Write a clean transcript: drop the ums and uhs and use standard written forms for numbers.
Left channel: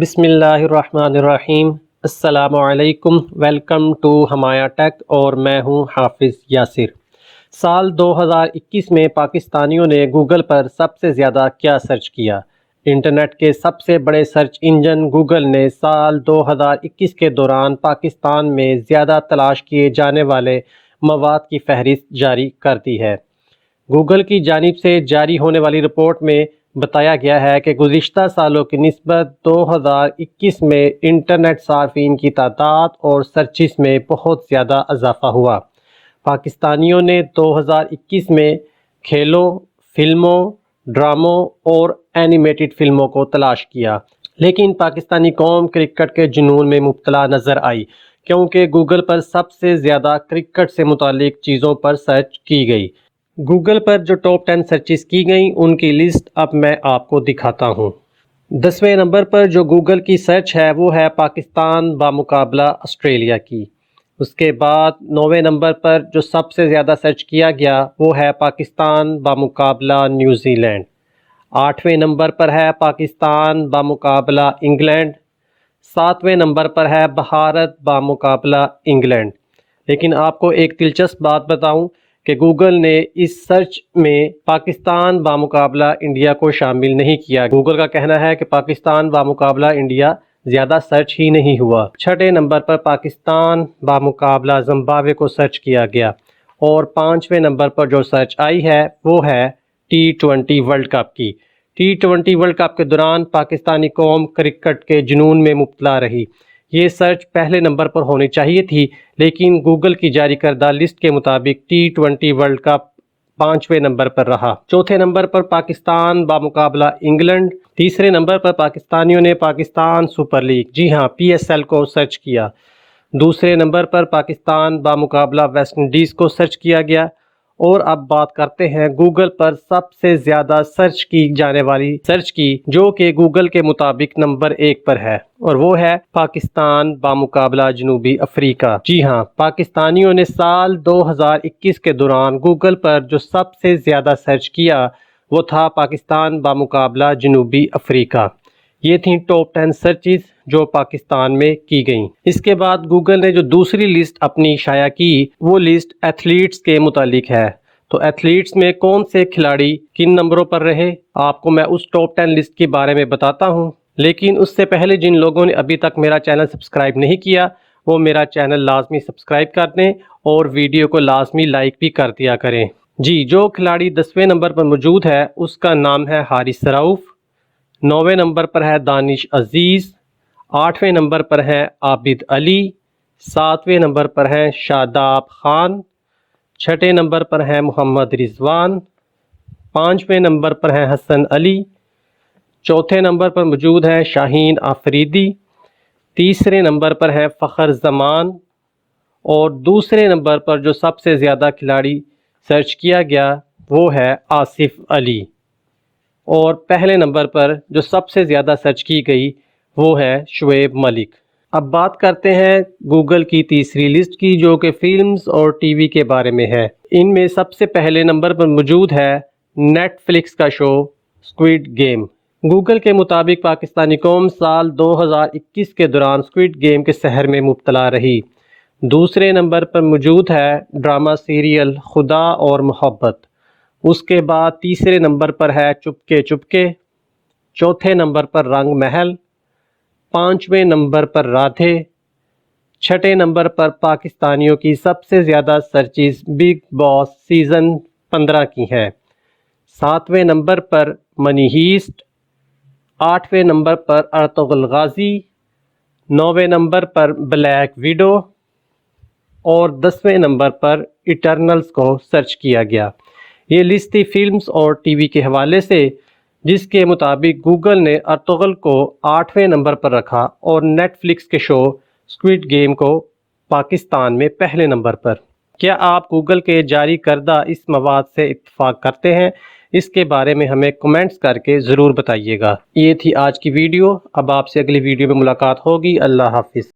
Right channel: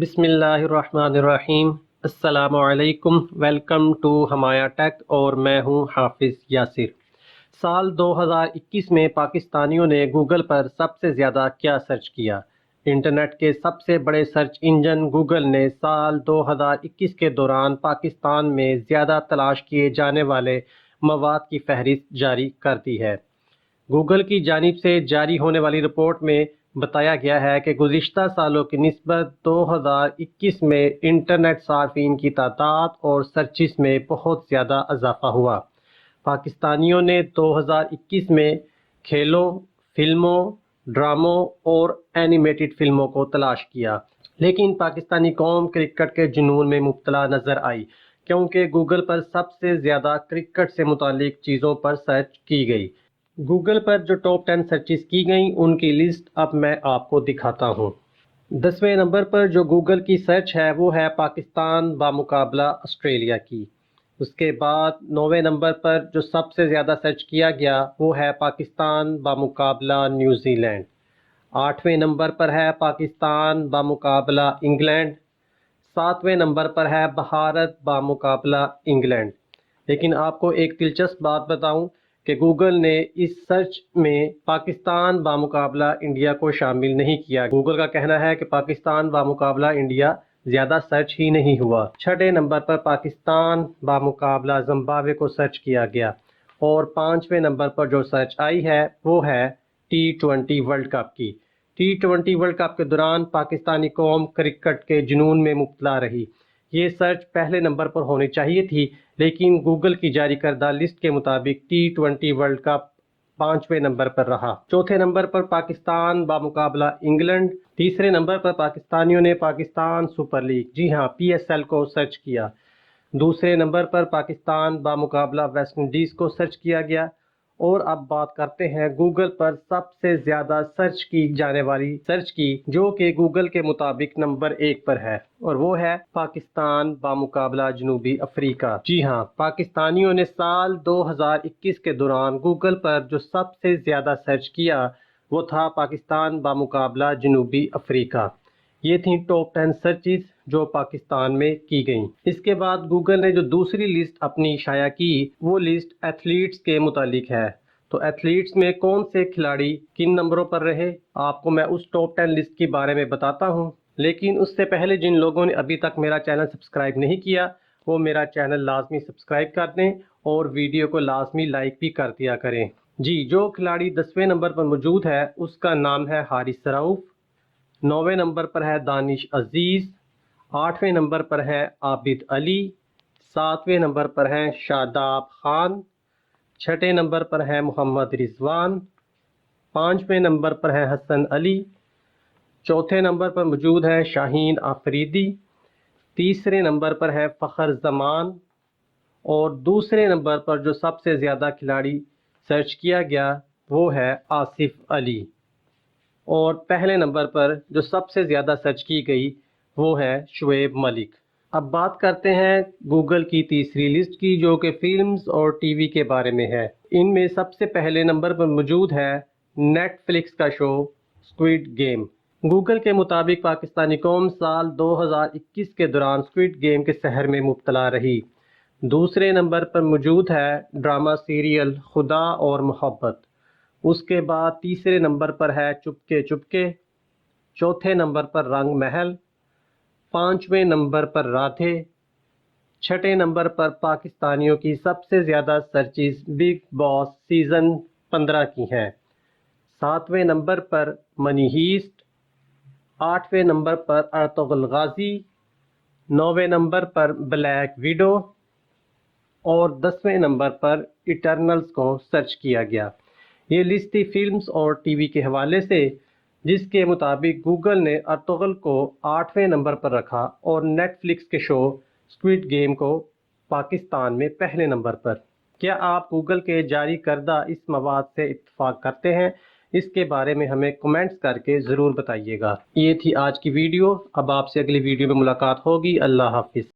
بسم اللہ الرحمن الرحیم۔ السلام علیکم، ویلکم ٹو ہمایا ٹیک، اور میں ہوں حافظ یاسر۔ سال 2021 میں پاکستانیوں نے گوگل پر سب سے زیادہ کیا سرچ کیا؟ انٹرنیٹ کے سب سے بڑے سرچ انجن گوگل نے سال 2021 کے دوران پاکستان میں زیادہ تلاش کیے جانے والے مواد کی فہرست جاری کر دی ہے۔ گوگل کی جانب سے جاری ہونے والی رپورٹ میں بتایا گیا ہے کہ گزشتہ سالوں کی نسبت 2021 میں انٹرنیٹ صارفین کی تعداد اور سرچز میں بہت زیادہ اضافہ ہوا۔ پاکستانیوں نے 2021 میں کھیلوں، فلموں، ڈراموں اور اینیمیٹڈ فلموں کو تلاش کیا، لیکن پاکستانی قوم کرکٹ کے جنون میں مبتلا نظر آئی، کیونکہ گوگل پر سب سے زیادہ کرکٹ سے متعلق چیزوں پر سرچ کی گئی۔ گوگل پر جو ٹاپ 10 سرچز کی گئیں ان کی لسٹ اب میں آپ کو دکھاتا ہوں۔ 10ویں نمبر پر جو گوگل کی سرچ ہے وہ ہے پاکستان بمقابلہ آسٹریلیا کی۔ اس کے بعد 9ویں نمبر پر جو سب سے زیادہ سرچ کیا گیا وہ ہے پاکستان بمقابلہ نیوزی لینڈ۔ 8ویں نمبر پر ہے پاکستان بمقابلہ انگلینڈ۔ 7ویں نمبر پر ہے بھارت بمقابلہ انگلینڈ۔ لیکن آپ کو ایک دلچسپ بات بتاؤں کہ گوگل نے اس سرچ میں پاکستان بمقابلہ انڈیا کو شامل نہیں کیا۔ گوگل کا کہنا ہے کہ پاکستان بمقابلہ انڈیا زیادہ سرچ ہی نہیں ہوا۔ 6 نمبر پر پاکستان بمقابلہ زمبابوے کو سرچ کیا گیا، اور 5ویں نمبر پر جو سرچ آئی ہے وہ ہے T20 ورلڈ کپ کی۔ T20 ورلڈ کپ کے دوران پاکستانی قوم کرکٹ کے جنون میں مبتلا رہی۔ یہ سرچ پہلے نمبر پر ہونی چاہیے تھی، لیکن گوگل کی جاری کردہ لسٹ کے مطابق T20 ورلڈ کپ 5ویں نمبر پر رہا۔ 4تھے نمبر پر پاکستان بمقابلہ انگلینڈ۔ 3رے نمبر پر پاکستانیوں نے پاکستان سپر لیگ، جی ہاں PSL کو سرچ کیا۔ 2 نمبر پر پاکستان بمقابلہ ویسٹ انڈیز کو سرچ کیا گیا۔ اور اب بات کرتے ہیں گوگل پر سب سے زیادہ سرچ کی جانے والی سرچ کی، جو کہ گوگل کے مطابق نمبر 1 پر ہے، اور وہ ہے پاکستان بمقابلہ جنوبی افریقہ۔ جی ہاں، پاکستانیوں نے سال 2021 کے دوران گوگل پر جو سب سے زیادہ سرچ کیا وہ تھا پاکستان بمقابلہ جنوبی افریقہ۔ یہ تھیں ٹاپ 10 سرچز جو پاکستان میں کی گئیں۔ اس کے بعد گوگل نے جو دوسری لسٹ اپنی شائع کی وہ لسٹ ایتھلیٹس کے متعلق ہے۔ تو ایتھلیٹس میں کون سے کھلاڑی کن نمبروں پر رہے، آپ کو میں اس ٹاپ 10 لسٹ کے بارے میں بتاتا ہوں، لیکن اس سے پہلے جن لوگوں نے ابھی تک میرا چینل سبسکرائب نہیں کیا وہ میرا چینل لازمی سبسکرائب کر دیں اور ویڈیو کو لازمی لائک بھی کر دیا کریں۔ جی، جو کھلاڑی 10ویں نمبر پر موجود ہے اس کا نام ہے حارث رؤف۔ 9ویں نمبر پر ہے دانش عزیز۔ 8ویں نمبر پر ہے عابد علی۔ 7ویں نمبر پر ہیں شاداب خان۔ 6 نمبر پر ہے محمد رضوان۔ 5ویں نمبر پر ہے حسن علی۔ 4تھے نمبر پر موجود ہے شاہین آفریدی۔ 3رے نمبر پر ہے فخر زمان، اور 2 نمبر پر جو سب سے زیادہ کھلاڑی سرچ کیا گیا وہ ہے آصف علی، اور پہلے نمبر پر جو سب سے زیادہ سرچ کی گئی وہ ہے شعیب ملک۔ اب بات کرتے ہیں گوگل کی تیسری لسٹ کی، جو کہ فلمز اور ٹی وی کے بارے میں ہے۔ ان میں سب سے پہلے نمبر پر موجود ہے نیٹ فلکس کا شو اسکوئڈ گیم۔ گوگل کے مطابق پاکستانی قوم سال 2021 کے دوران اسکوئڈ گیم کے سحر میں مبتلا رہی۔ 2 نمبر پر موجود ہے ڈرامہ سیریل خدا اور محبت۔ اس کے بعد 3 نمبر پر ہے چپکے چپکے۔ 4تھے نمبر پر رنگ محل۔ 5ویں نمبر پر رادھے۔ 6 نمبر پر پاکستانیوں کی سب سے زیادہ سرچز بگ باس سیزن 15 کی ہیں۔ 7ویں نمبر پر منی ہیسٹ۔ 8ویں نمبر پر ارطغرل غازی۔ 9ویں نمبر پر بلیک ویڈو، اور 10ویں نمبر پر ایٹرنلز کو سرچ کیا گیا۔ یہ لسٹ تھی فلمز اور ٹی وی کے حوالے سے، جس کے مطابق گوگل نے ارطغرل کو 8ویں نمبر پر رکھا اور نیٹ فلکس کے شو اسکوئڈ گیم کو پاکستان میں پہلے نمبر پر۔ کیا آپ گوگل کے جاری کردہ اس مواد سے اتفاق کرتے ہیں؟ اس کے بارے میں ہمیں کمنٹس کر کے ضرور بتائیے گا۔ یہ تھی آج کی ویڈیو، اب آپ سے اگلی ویڈیو میں ملاقات ہوگی۔ اللہ حافظ۔